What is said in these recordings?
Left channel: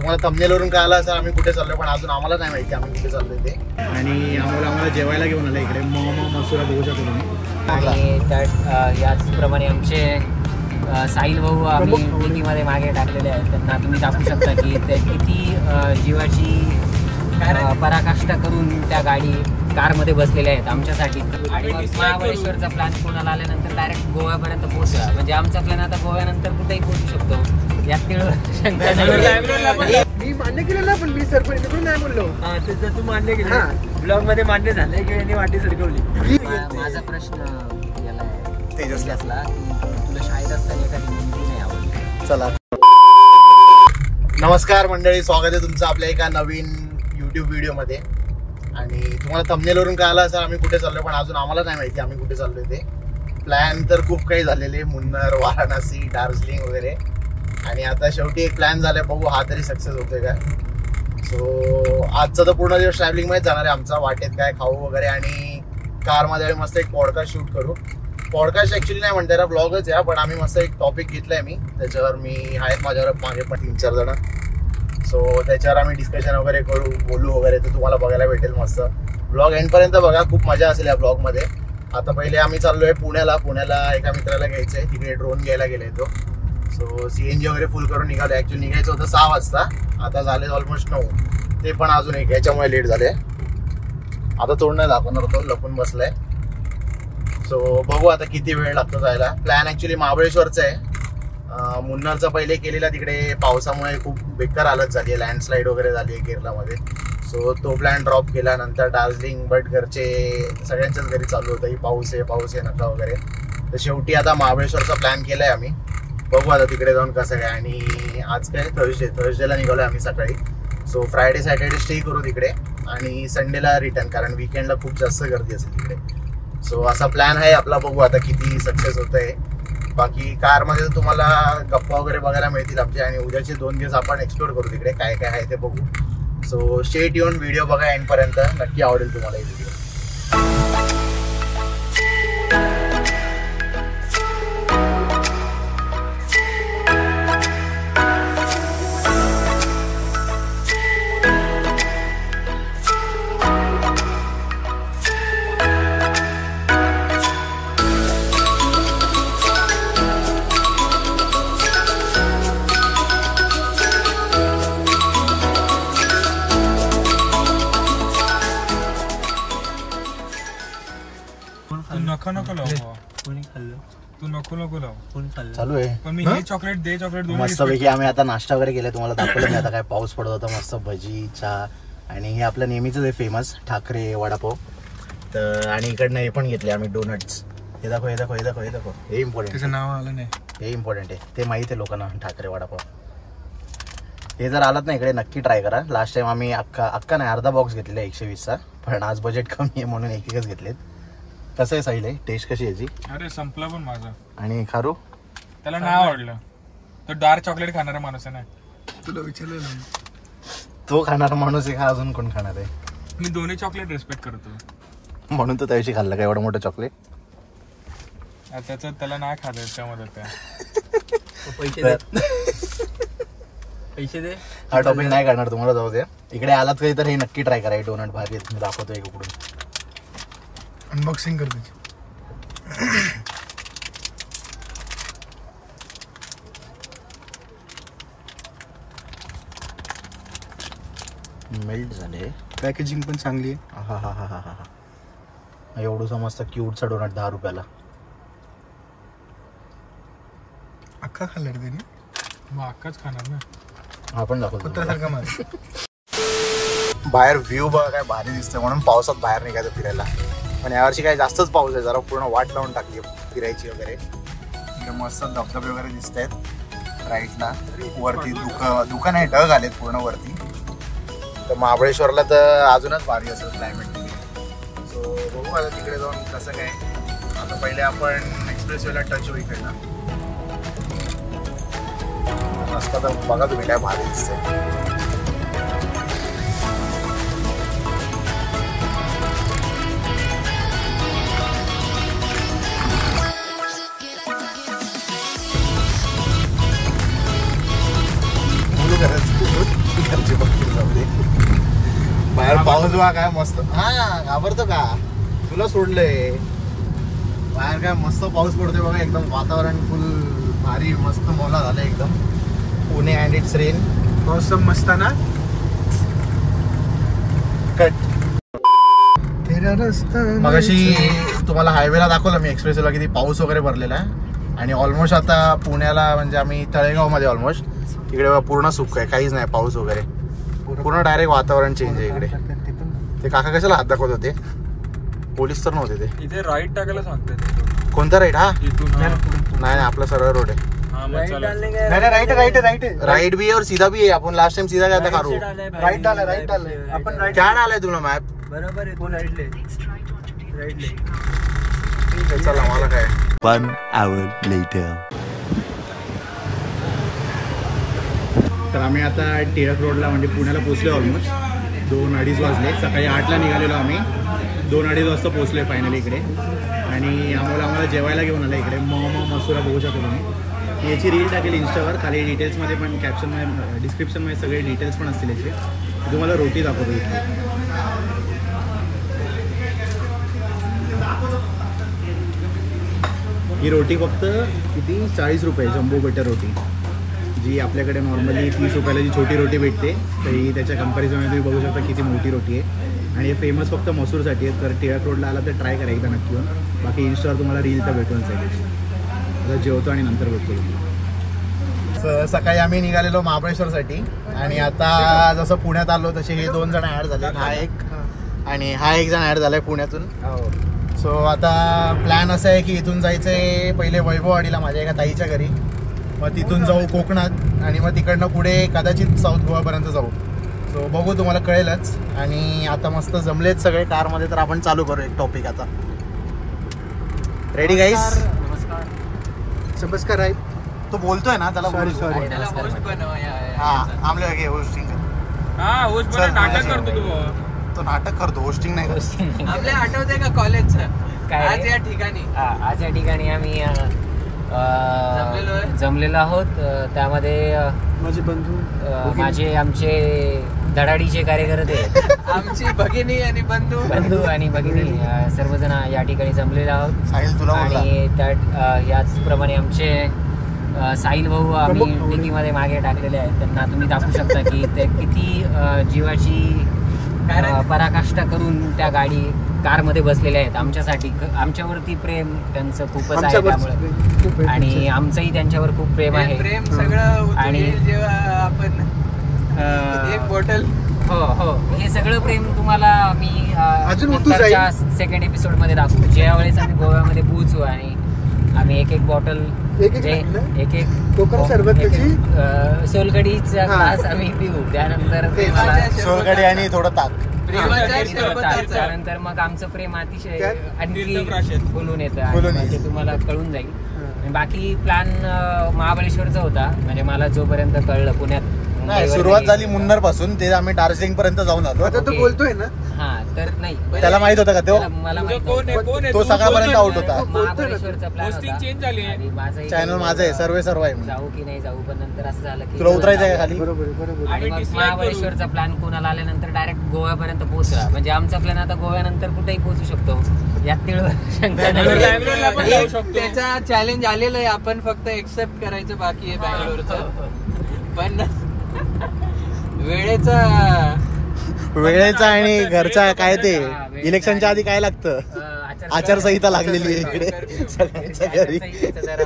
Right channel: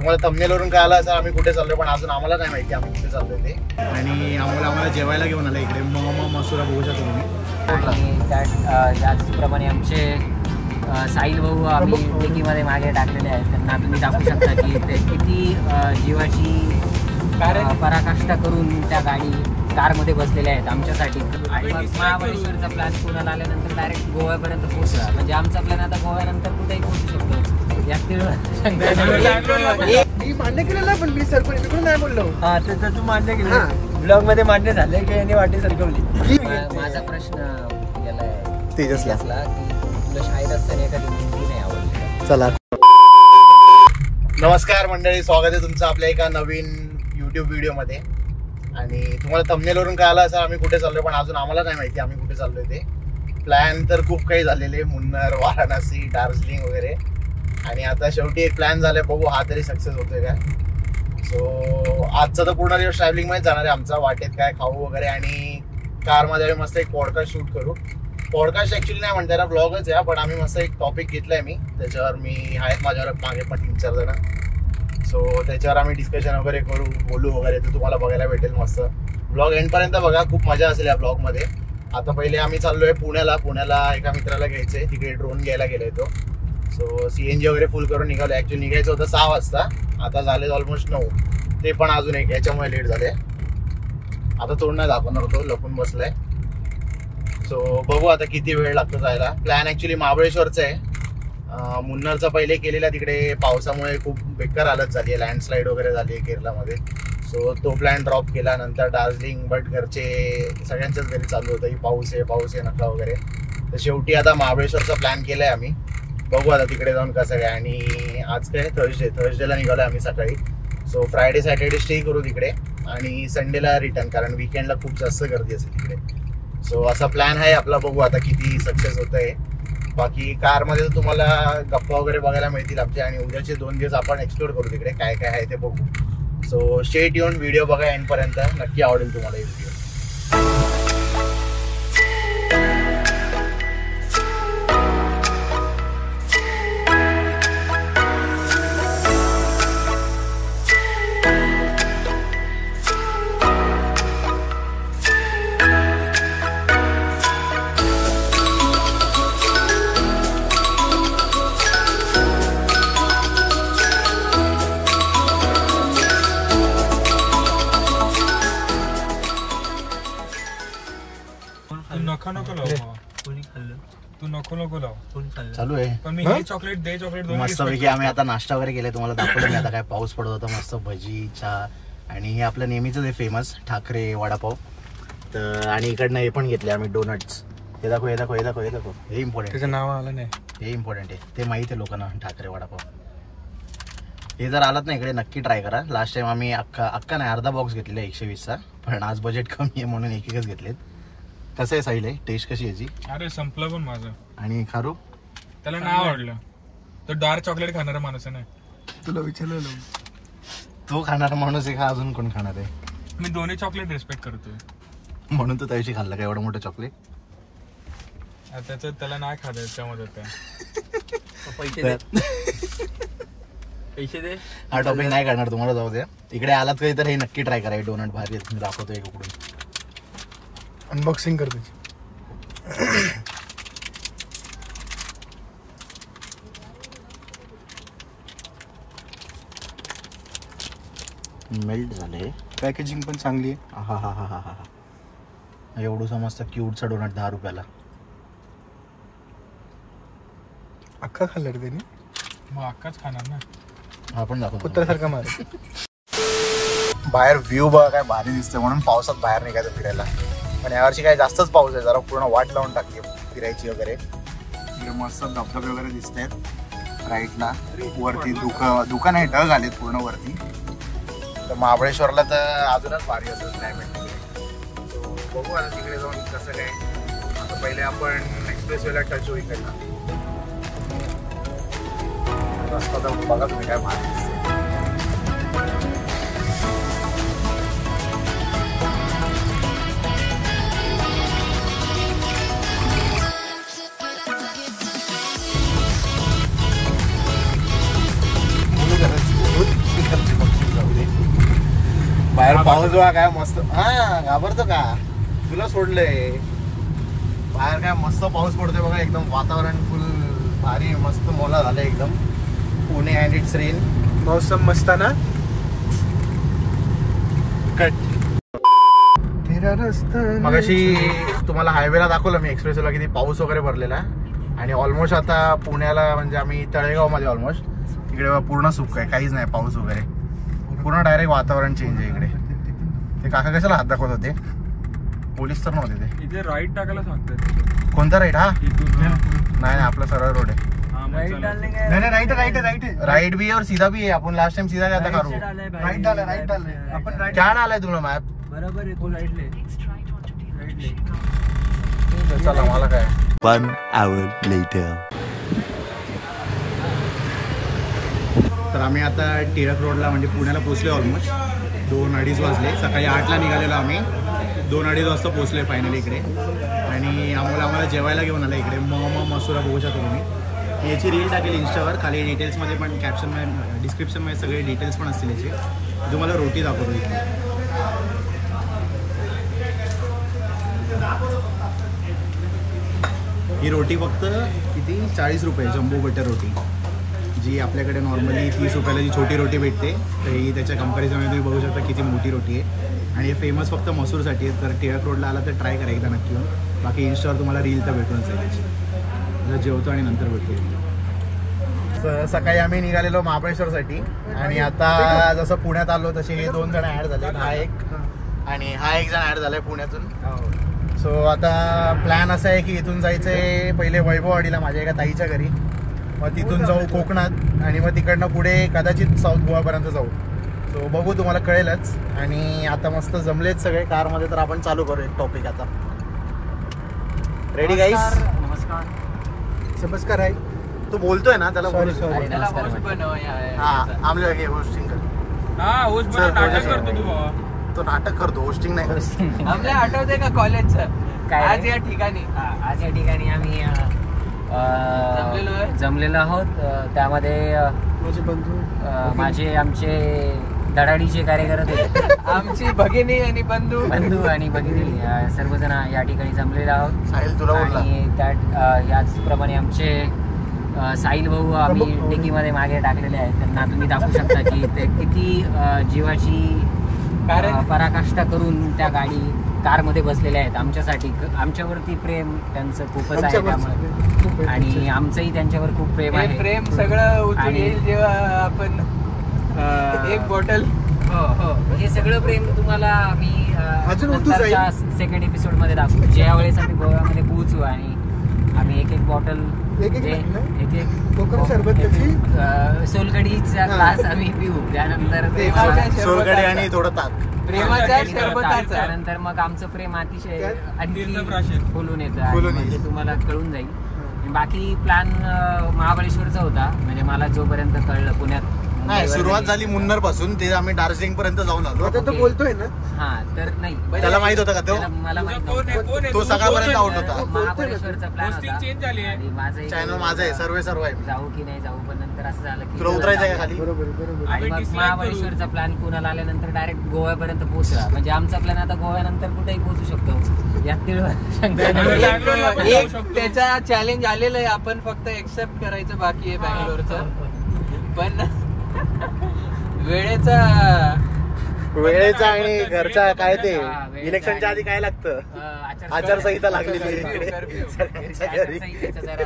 तुम्हाला थंबनेलवरून कळालं असेल आम्ही कुठे चाललोय, पण अजून आम्हाला नाही माहिती आम्ही कुठे चाललोय ते. आणि आम्हाला जेवायला घेऊन आलं इकडे मसुरा बघू शकता तुम्ही. आणि याचप्रमाणे आमचे साहिल भाऊ आम्ही डिकीमध्ये मागे टाकलेले आहेत. त्यांना तुम्ही दाखवू शकता की ते किती जीवाची पराकाष्ठा करून त्या कारमध्ये बसलेले आहेत आमच्यासाठी. आणि महाबळेश्वरचा प्लॅन पुण्याला आल्यानंतर डायरेक्ट गोव्यापर्यंत पोहोचला. म्हणजे आमचा प्लॅन आता गोव्यानंतर कुठेही पोहोचू शकतो, यात शंका नाही. मी मान्य केलं ना, पण मी सरपंच तिकडून नाही बोललो. हा ते तर तू मान्य केलं, ब्लॉग मध्ये मान्य झाले की याने वाटी सरकवली. माझा प्रश्न गेला तेजसला की तुला शाळेत असताना एखादी मुलगी नाही आवडली? चला, नमस्कार मंडळी, स्वागत आहे तुमचं आपल्या एका नवीन यूट्यूब व्हिडिओमध्ये. आणि तुम्हाला थंबनेलवरून कळालं असेल आम्ही कुठे चाललोय, पण अजून आम्हाला नाही माहिती आम्ही कुठे चाललोय ते. प्लॅन तर खूप काही झालेले, मुन्नार, वाराणसी, दार्जिलिंग वगैरे. आणि आता शेवटी एक प्लॅन झालाय, बघू हा तरी सक्सेस होतोय का. सो आजचा तर पूर्ण दिवस ट्रॅव्हलिंगमध्ये जाणार आहे आमचा. वाटेत काय खाऊ वगैरे, आणि कारमध्ये मस्त एक पॉडकास्ट शूट करू. पॉडकास्ट ॲक्च्युली नाही म्हणता येणार, ब्लॉगच आहे, पण आम्ही मस्त एक टॉपिक घेतलाय मी. त्याच्यावर मी आहेत माझ्यावर मागे पण 3-4 जण. सो त्याच्यावर आम्ही डिस्कशन वगैरे करू, बोलू वगैरे. तर तुम्हाला बघायला भेटेल मस्त. ब्लॉग एंडपर्यंत बघा, खूप मजा असेल या ब्लॉगमध्ये. आता पहिले आम्ही चाललोय पुण्याला एका मित्राला घ्यायचं आहे, तिकडे ड्रोन घ्यायला गेलाय तो. सो CNG वगैरे फुल करून निघालो. ॲक्च्युली निघायचं होतं 6 वाजता, आता झाले ऑलमोस्ट 9. ते पण अजून एक याच्यामुळे लेट झाले. आता तोंड नाही दाखवणार होतो, लपून बसलाय. सो बघू आता किती वेळ लागतो जायला. प्लॅन ॲक्च्युली महाबळेश्वरचा आहे. मुन्नारचा पहिले केलेला, तिकडे पावसामुळे खूप बेकार हालत झाली आहे, लँडस्लाईड वगैरे झाली आहे केरळमध्ये. सो तो प्लॅन ड्रॉप केला. नंतर दार्जिलिंग, बट घरचे सगळ्यांच्याच घरी चालू होतं की पाऊस आहे नका वगैरे. तर शेवटी आता महाबळेश्वरचा प्लॅन केला आहे आम्ही. बघू आता तिकडे जाऊन कसं काय. आणि आज काय थर्सडेला निघालो आहे आम्ही सकाळी. सो फ्रायडे सॅटर्डे स्टे करू तिकडे, आणि संडेला रिटर्न, कारण विकेंडला खूप जास्त गर्दी असेल तिकडे. सो असा प्लॅन आहे आपला. बघू आता किती सक्सेस होत आहे. बाकी कारमध्ये तर तुम्हाला गप्पा वगैरे बघायला मिळतील आमचे. आणि उद्याचे 2 दिवस आपण एक्सप्लोर करू तिकडे, काय काय आहे ते बघू. सो स्टे ट्यून, व्हिडिओ बघा एंडपर्यंत, नक्की आवडेल तुम्हाला हे व्हिडिओ. चालू आहे चॉकलेट मस्तपैकी. आम्ही आता नाश्ता वगैरे केले, तुम्हाला दाखवलं मी. आता काय पाऊस पडत होता, मस्त भजी, चहा, आणि हे आपलं नेहमीच आहे फेमस ठाकरे वडापाव. तर आणि इकडनं हे पण घेतले आम्ही, डोनट्स. हे दाखव हे इम्पॉर्टंट. त्याचं नाव आलं नाही, हे इम्पॉर्टंट आहे, ते माहिती आहे लोकांना. ठाकरे वडापाव हे जर आलात ना इकडे नक्की ट्राय करा. लास्ट टाइम आम्ही अख्खा नाही, अर्धा बॉक्स घेतलेला 120चा, पण आज बजेट कमी आहे म्हणून एकच घेतलेत. कसं आहे साहिल, टेस्ट कशी याची? अरे संपलं पण माझं. आणि खारू त्याला नाही आवडलं. तो डार्क चॉकलेट खाणारा माणूस आहे ना. तुला विचारलेलं, तो खाणारा माणूस आहे का अजून कोण खाणार आहे? मी दोन्ही चॉकलेट रिस्पेक्ट करतो, म्हणून तो त्याविषयी खाल्ला का एवढं मोठं चॉकलेट? त्याच्यात त्याला नाही खाता त्यामध्ये त्या पैसे दे. हा टॉपिक नाही करणार तुम्हाला, जाऊ द्या. इकडे आलात कधी तर हे नक्की ट्राय करा. डोनट भारी आहेत, मी दाखवतो एक उकडून. अनबॉक्सिंग करते. मेल्ट झाले, पॅकेजिंग पण चांगली. हा एवढं मस्त क्यूटचा डोनट 10 रुपयाला. अख्खा खाल्ला की त्यांनी? मग अख्खाच खाणार ना. आपण दाखवतो कुत्र्यासारखा मार. बाहेर व्ह्यू बघा काय भारी दिसते, म्हणून पावसात बाहेर निघायचं फिरायला. पण यावर्षी काय जास्तच पाऊस आहे, जरा पूर्ण वाट लावून टाकली फिरायची वगैरे. इकडे मस्त धबधबे वगैरे दिसत आहेत राईटला. वरती दुकान आहे, ढग आलेत पूर्ण वरती. तर महाबळेश्वरला तर अजूनच भारी असेल क्लायमेट. सो बघू आता तिकडे जाऊन कसं काय. आता पहिले आपण एक्सप्रेसवेला टच होऊ इकडनं. रस्ता तर बघा तुम्ही काय भारी दिसतंय. पाऊस बघा काय मस्त. हा घाबरतो का तुला सोडलंय बाहेर काय मस्त पाऊस पडतोय बघा एकदम वातावरण फुल भारी मस्त मोला झालं एकदम पुणे अँड इट्स रेन मौसम मस्त ना. कट मगाशी तुम्हाला हायवेला दाखवलं मी एक्सप्रेसला किती पाऊस वगैरे भरलेला आहे आणि ऑलमोस्ट आता पुण्याला म्हणजे आम्ही तळेगाव मध्ये ऑलमोस्ट इकडे बघा पूर्ण सुक आहे काहीच नाही पाऊस वगैरे पूर्ण डायरेक्ट वातावरण चेंज आहे इकडे. ते काका कशाला हात दाखवत होते पोलीस तर नव्हते ते. इथे राईट टाकायला सांगते कोणता राईट हा इथून नाही आपला सरळ रोड आहे. राइट भी है और सीधा भी है. अपन लास्ट टाइम सीधा गया था कारू. राइट डाला आपण क्या डाला है तुला मॅप. बरोबर आहे. तू राईट ले. ठीक आहे चला मला काय. 1 hour later. तर आम्ही आता टिळक रोडला म्हणजे पुण्याला पोहोचलो ऑलमोस्ट 2-2:30 वाजले. सकाळी 8ला निघालेलो आम्ही 2-2:30 वाजता पोहोचलोय फायनली इकडे आणि आम्हाला जेवायला घेऊन आलं इकडे मसुरा बघू शकता तुम्ही. याची रील टाकेल इंस्टावर खाली डिटेल्समध्ये पण कॅप्शनमध्ये डिस्क्रिप्शनमध्ये सगळे डिटेल्स पण असतील याचे. तुम्हाला रोटी दाखवतो इथे. ही रोटी फक्त किती 40 रुपये जम्बो बटर रोटी जी आपल्याकडे नॉर्मली 30 रुपयाला जी छोटी रोटी भेटते तर ही त्याच्या कंपॅरिझनमध्ये तुम्ही बघू शकता किती मोठी रोटी आहे आणि हे फेमस फक्त मसूरसाठी आहे. तर टिळक रोडला आला तर ट्राय करा एकदा नक्की येऊन. बाकी इंस्टावर तुम्हाला रील तर भेटूनच आहे त्याची. आता जेवतो आणि नंतर भेटतो तुम्ही. सकाळी आम्ही निघालेलो महाबळेश्वरसाठी आणि आता जसं पुण्यात आलो तसे हे 2 जण ॲड झाले. हा एक आणि हा एक जण ॲड झालाय पुण्यातून. सो आता प्लॅन असा आहे की इथून जायचं आहे पहिले वैभववाडीला माझ्या एका ताईच्या घरी. मग तिथून जाऊ कोकणात आणि मग तिकडनं पुढे कदाचित साऊथ गोवापर्यंत जाऊ. सो बघू तुम्हाला कळेलच. आणि आता मस्त जमलेत सगळे कारमध्ये तर आपण चालू करू एक टॉपिक आता. रेडी गाईस. नमस्कार आहे. तो बोलतोय ना त्याला. Sorry sorry. हा आमले वगैरे होस्टिंग तो नाटक करतो होस्टिंग नाही करत. आपल्या आठवते का कॉलेजचं काय आज या ठिकाणी आज या ठिकाणी आम्ही जमलेलो आहोत. त्यामध्ये माझे बंधू माझे आमचे धडाडीचे कार्यकर्ते आमची भगिनी आणि बंधू आणि भगिनी सर्वजण या ठिकाणी जमलेले आहोत. साहिल तुला बोलला. आणि त्याचप्रमाणे आमचे साहिल भाऊ आम्ही डिकीमध्ये मागे टाकलेले आहेत. त्यांना तुम्ही दाखवू शकता की ते किती जीवाची पराकाष्ठा करून त्या कारमध्ये बसलेले आहेत आमच्यासाठी. आमच्यावरती प्रेम त्यांचं खूपच आहे त्यामुळे आणि आमचंही त्यांच्यावर खूप प्रेम आहे. प्रेम सगळं आणि जेव्हा आपण एक बॉटल हो हे सगळं प्रेम तुम्हाला मी अजून नंतरच्या सेकंड एपिसोड मध्ये दाखवू. ज्या वेळेस आम्ही गोव्यामध्ये पोहोचू आणि आम्ही एक बॉटल एक कोकम सरबताची सोलकडीचा ग्लास आम्ही पिऊ. त्यानंतर सोलकढी आणि थोडं ताक. त्यानंतर मग आमचं प्रेम अतिशय आणखी फुलून येतं आणि मग ते तुम्हाला कळून जाईल. बाकी प्लॅन महाबळेश्वरचा होता म्हणजे मला जोपर्यंत कळलं पुण्यात सुरुवात झाली मुन्नर पासून ते आम्ही दार्जिलिंग पर्यंत जाऊन आलो. आता तो बोलतोय ना. हा तर नाही त्याला माहित होतं का तो. मला माहित तो सकाळपर्यंत आउट होता. महाबळेश्वरचा प्लॅन होता चेंज झाली आहे. आणि माझं चॅनल माझं आहे सर्व आहे. जाऊ की नाही जाऊ पण नंतर असं झालं की तुला उतरायचं आहे का खाली. बरोबर. आणि मग महाबळेश्वरचा प्लॅन पुण्याला आल्यानंतर डायरेक्ट गोव्यापर्यंत पोहोचला. म्हणजे आमचा प्लॅन आता गोव्यानंतर कुठेही पोहोचू शकतो यात तिळ शंका नाही. त्याचा चॅलेंज आलेलं आहे. आपण फक्त एक्सेप्ट करायचं बाकी आहे बँगलोरचं. पण वेळेचा आणि घरचा काय ते इलेक्शनच्या आधी काय लागतं आचारसंहिता लागलेली आचारसंहितेचं जरा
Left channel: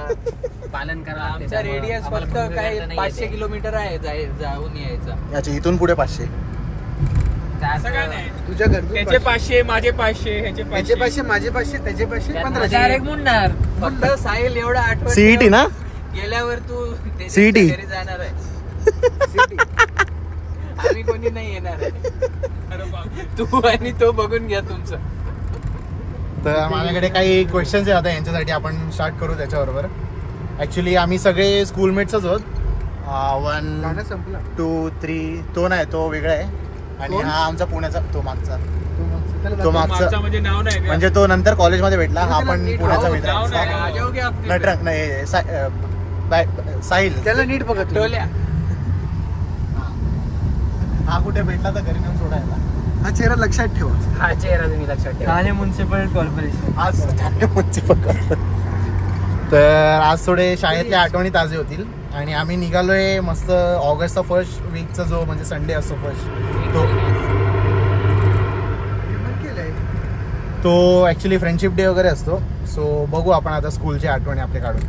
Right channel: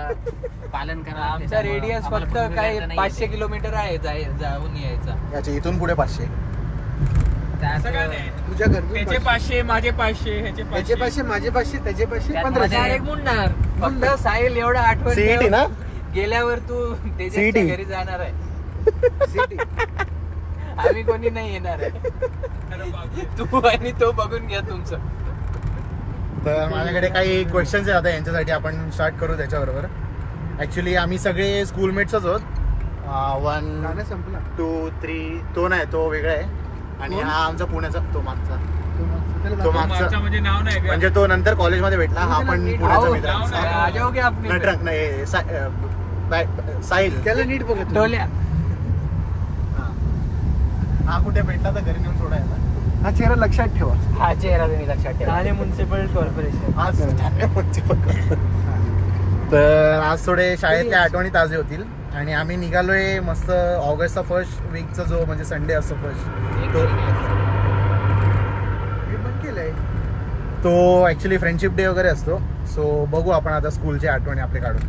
पालन करावं लागते. त्यामुळे रेडियस आम्हाला फक्त पुढे काही वेळ तर नाही 500 किलोमीटर आहे जाऊन यायचा. अच्छा इथून पुढे 500. असं काय नाही. तुझ्या घरचे त्याचे 500 माझे 500 ह्याचे त्याचे 500 माझे 500 त्याचे 500 1500. डायरेक्ट मुन्नार. फक्त साहिल एवढं आठवण सीईटी ना. गेल्यावर तू CET. घरी जाणार आहे. आम्ही कोणी नाही येणार आहे. तू आणि तो बघून घ्या तुमचं. तर माझ्याकडे काही क्वेश्चन्स आहे आता यांच्यासाठी आपण स्टार्ट करू त्याच्याबरोबर. ऍक्च्युली आम्ही सगळे स्कूलमेट्सच आहोत. 1 गाणं संपला. 2 3 तो नाही तो वेगळा आहे आणि कोण? हा आमचा पुण्याचा तो मागचा. त्याला तो मागचा मागचा म्हणजे नाव नाही का? म्हणजे तो नंतर कॉलेजमध्ये भेटला. हा पण पुण्याचा मित्र नाव नाही. आहे. योग्य आपली नटराज नाही साहिल. त्याला नीट बघा तुम्ही. डोल्या. हा कुठे भेटला तर घरी घेऊन सोडायला. हा चेहरा लक्षात ठेवा. हा चेहरा तुम्ही लक्षात ठेवा. Thane municipal corporation. तर आज थोडे शाळेतल्या आठवणी ताजे होतील आणि आम्ही निघालोय मस्त ऑगस्टचा फर्स्ट वीकचा जो म्हणजे संडे असतो फर्स्ट तो ॲक्च्युली फ्रेंडशिप डे वगैरे असतो. सो बघू आपण आता स्कूलच्या आठवणी आपले काढून.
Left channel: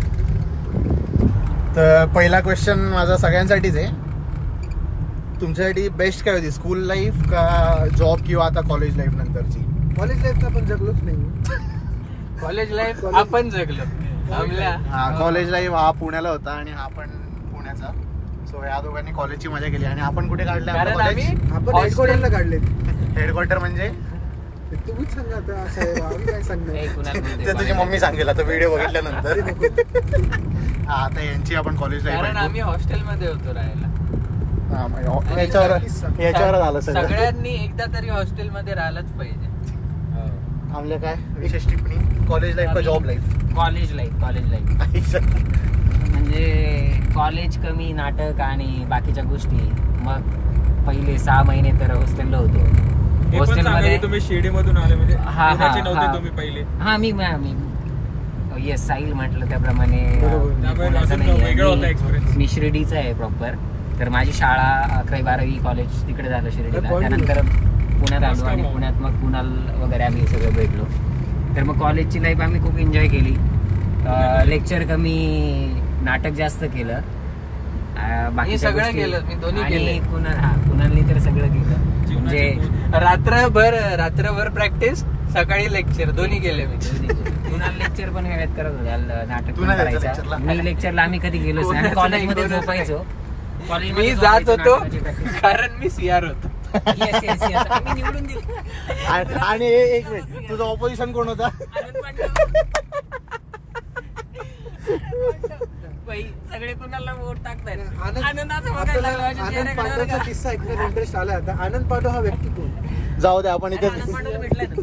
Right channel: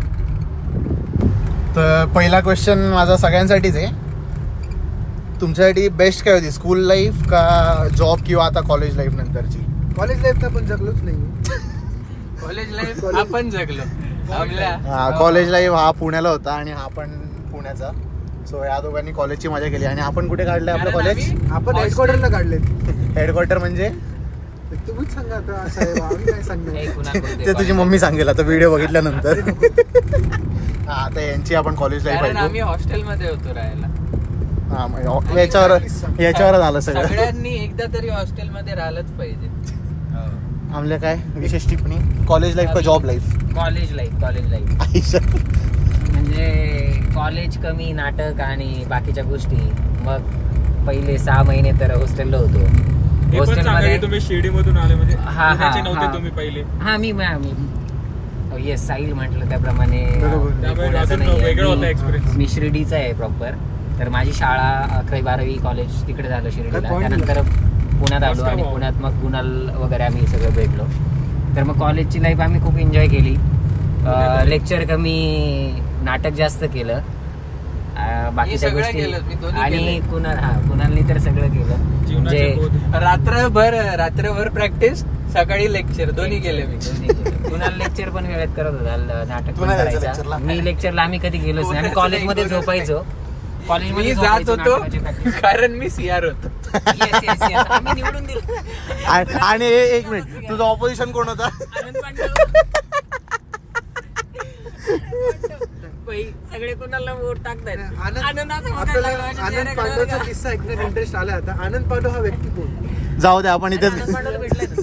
तर पहिला क्वेश्चन माझा सगळ्यांसाठीच आहे. तुमच्यासाठी बेस्ट काय होती, स्कूल लाईफ का जॉब किंवा आता कॉलेज लाईफ नंतरची? कॉलेज लाईफ तर आपण जगलोच नाही. कॉलेज लाईफ आपण जगलो. कॉलेज लाईफ हा पुण्याला होता आणि हा पण पुण्याचा. सो या दोघांनी कॉलेजची मजा केली. आणि आपण कुठे काढले आपलं कॉलेज? आपण हेडक्वार्टरला काढलेत. हेडक्वार्टर म्हणजे तुम्हीच सांगा आता साहेब, आम्ही काय सांगणार. ते तुझी मम्मी सांगेल आता व्हिडिओ बघितल्यानंतर. आता यांची आपण कॉलेज लाईफ कारण आम्ही हॉस्टेलमध्ये होतो राहायला. याच्यावर झालं सगळं. सगळ्यांनी एकदा तरी हॉस्टेलमध्ये राहिलंच पाहिजे. आम्हाला काय विशेष टिप्पणी? कॉलेज लाईफ का जॉब लाईफ? कॉलेज लाईफ म्हणजे कॉलेज कमी, नाटक आणि बाकीच्या गोष्टी. मग पहिले 6 महिने तर हॉस्टेलला होतो. हॉस्टेलमध्ये तुम्ही शिर्डी मधून आले म्हणजे हा नव्हते तुम्ही पहिले? हा मी येस साहिल म्हटलं त्याप्रमाणे पुण्याचा वेगळा होता नाही. एक्सपिरियन्स. मी शिर्डीचा आहे प्रॉपर. तर माझी शाळा 11वी-12वी कॉलेज तिकडे झालं शिर्डीला. त्यानंतर पुण्यात आलो आणि पुण्यात मग कुणाल वगैरे आम्ही सगळं भेटलो. तर मग कॉलेजची लाईफ आम्ही खूप एन्जॉय केली. लेक्चर कमी, नाटक जास्त केलं, बाकीच्या गोष्टी. आणि कुणालनी तर सगळं केलं. म्हणजे रात्रभर प्रॅक्टिस, सकाळी लेक्चर दोन्ही केले मी. कुणाल लेक्चर पण वेळेत करत होता, नाटक पण करायचं. मी लेक्चरला आम्ही कधी गेलोच नाही. आणि कॉलेजमध्ये झोपायचो. मी जात होतो कारण मी सीआर होतो. आम्ही निवडून दिलं. आणि एक मिनिट, तुझं ऑपोजिशन कोण होता? सगळे कुणाला वोट टाकतात. आनंद पांडवचा किस्सा ऐकण्यात इंटरेस्ट आला आता. आनंद पांडव हा व्यक्ती कोण? जाऊ दे, आपण इथे आनंद पांडवला भेटलाय ना.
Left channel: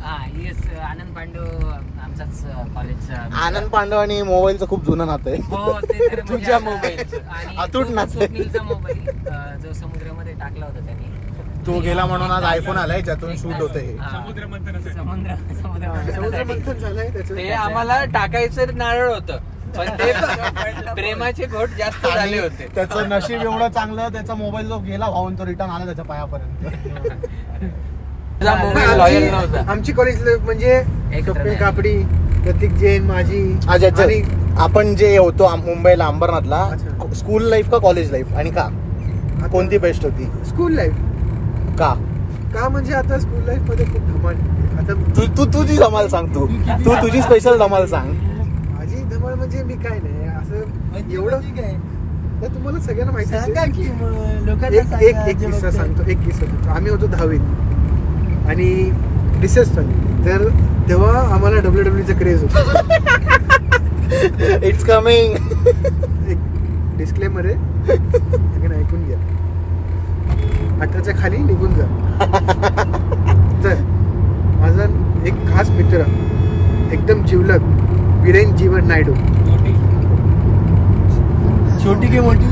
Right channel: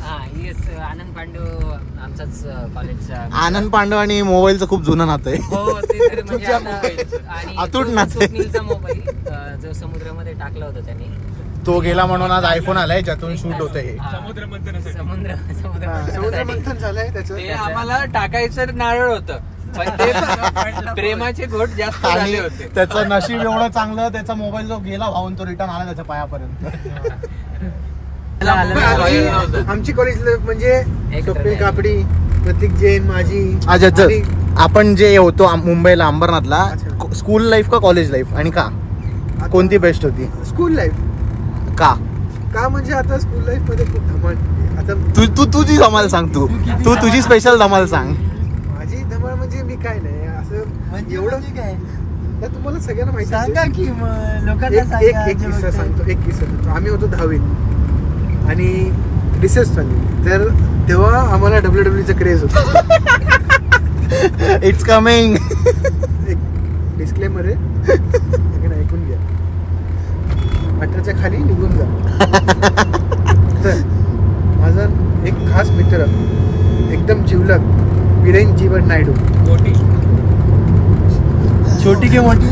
हा येस, आनंद पांडव आमचाच कॉलेजचा. आनंद पांडव आणि मोबाईलचं खूप जुनं नातं आहे. हो ते तर म्हणजे आणि स्वप्नीलचा मोबाईल जो समुद्रामध्ये टाकला होता त्यांनी, तो गेला म्हणून आज आयफोन आलाय ज्यातून शूट होतं हे. समुद्र मंथनासाठी. समुद्र मंथन झालंय त्याचं. आम्हाला टाकायचं नारळ होतं पण ते प्रेमाचे घोट जास्त झाले होते. त्याचं नशीब एवढं चांगलं, त्याचा मोबाईल जो गेला भाऊन तो रिटर्न आला त्याच्या पायापर्यंत. आमची कॉलेज लाईफ म्हणजे कपिल कापडी, प्रतीक जैन, माझी. आपण जे होतो मुंबईला अंबरनाथला, स्कूल लाईफ का कॉलेज लाईफ आणि का कोणती बेस्ट होती? School life. का म्हणजे आता स्कूल लाईफ मध्ये खूप धमाल. आता तू तुझी धमाल सांग. तू तुझी स्पेशल धमाल सांग. माझी धमाल म्हणजे मी काय नाही असं एवढं तर तुम्हाला सगळ्यांना माहिती आहे. एक किस्सा सांगतो. आम्ही होतो 10वीत आणि रिसर्च झाली. तर तेव्हा आम्हाला WWE क्रेज होता. It's coming. एक डिस्क्लेमर आहे, ऐकून घ्या. 18च्या खाली निघून जा. तर माझा एक खास मित्र, एकदम जिवलग, बिरेन जीवन नायडू. छोटी की मोठी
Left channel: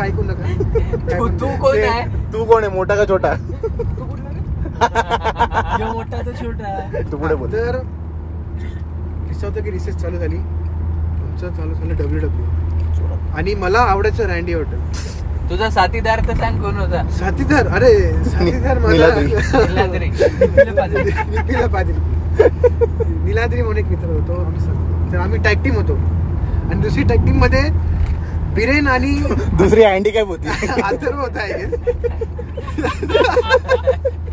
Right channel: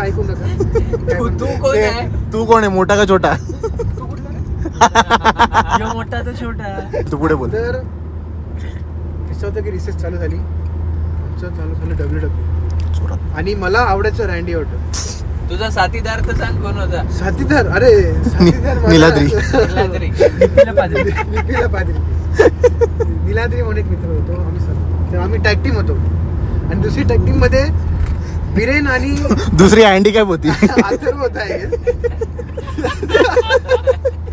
ऐकून नका काय म्हणतो. तू कोण आहे, मोठा का छोटा? मोठा तो छोटा. तू पुढे बोल. तर किस्सा होतं की रिसर्च चालू झाली, आमचं चालू झालं WWE. आणि मला आवडायचं रँडी ऑर्टन. तुझा साथीदार तर सांग कोण होता? साथीदार माझा निलाद्री म्हणून एक मित्र होतो. आम्ही टॅग टीम होतो. आणि दुसरी टॅग टीम मध्ये बिरेन आणि दुसरी हँडिकॅप होती. अथर्व होता आहे.